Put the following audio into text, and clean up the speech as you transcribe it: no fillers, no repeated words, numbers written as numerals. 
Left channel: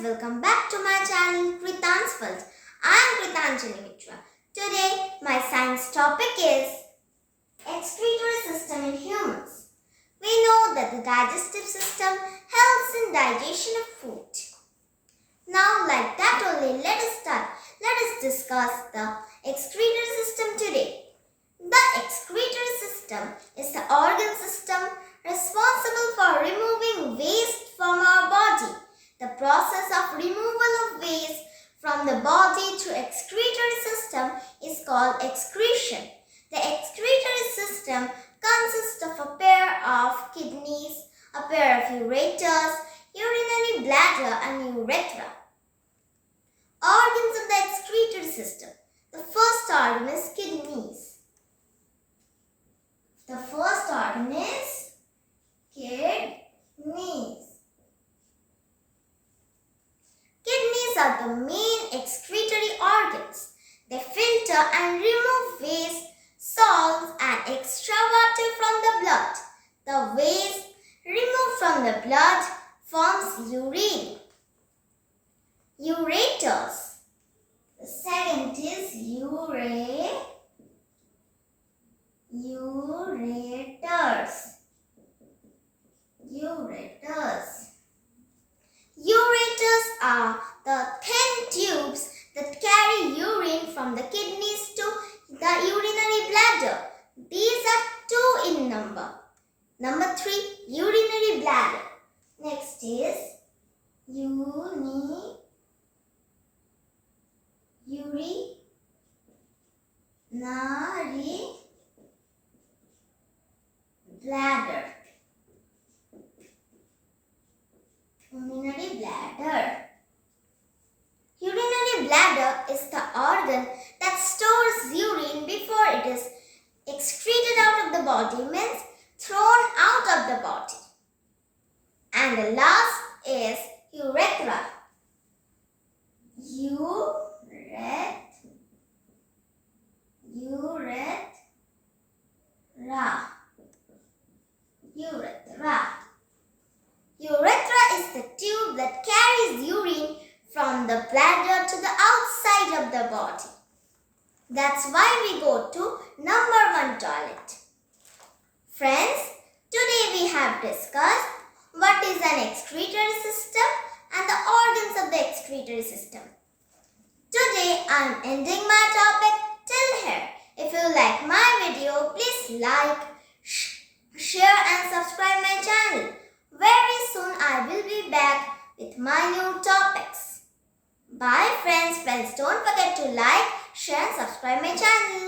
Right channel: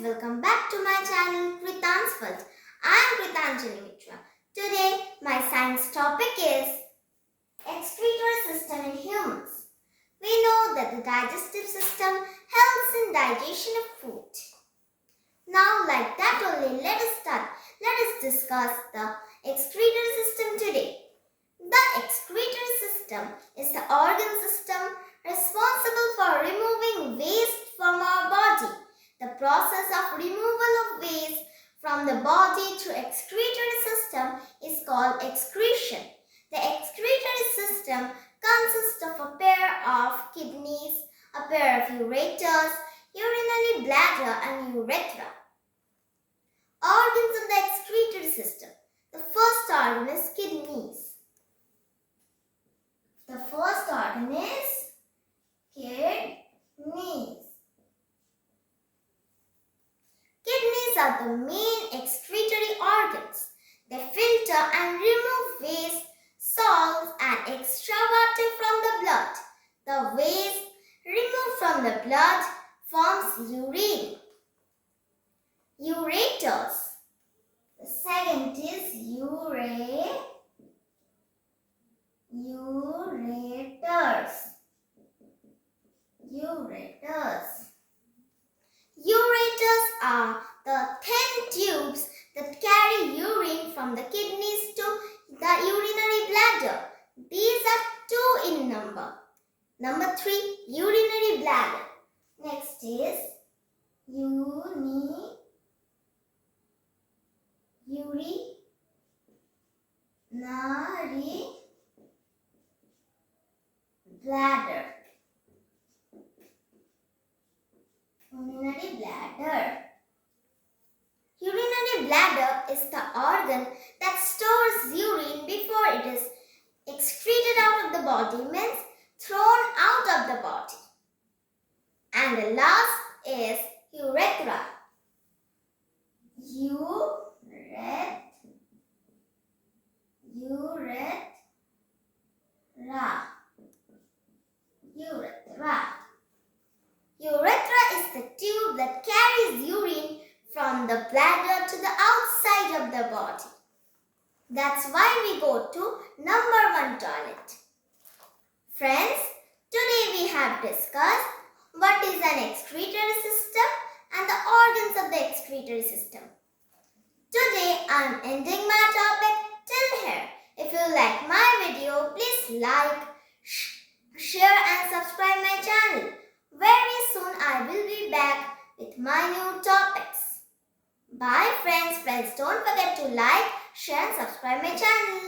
welcome back to my channel Kritanjali. I am Kritanjali. Today my science topic is excretory system in humans. We know that the digestive system helps in digestion of food. Now like that only, let us start. Let us discuss the excretory system today. The excretory system is the organ system responsible for removing waste from our body. The process of removal of waste from the body through excretory system is called excretion. The excretory system consists of a pair of kidneys, a pair of ureters, urinary bladder and urethra. Organs of the excretory system. The first organ is kidneys. The first organ is kidneys. Kidneys are the main excretory organs. They filter and remove waste, salts and extra water from the blood. The waste removed from the blood forms urine. Ureters. The second is ureters. Ureters are the thin tubes that carry urine from the kidneys to the urinary bladder. These are two in number. Number 3, urinary bladder. Next is urinary bladder. Urinary bladder. Urinary bladder is the organ that stores urine before it is excreted out of the body, means thrown out of the body. And the last is urethra. Urethra is the tube that carries urine from the bladder to the outside of the body. That's why we go to number 1 toilet. Friends, today we have discussed what is an excretory system and the organs of the excretory system. Today I am ending my topic till here. If you like my video, please like, share and subscribe my channel. Very soon I will be back with my new topics. Bye friends. Friends, don't forget to like, share and subscribe my channel.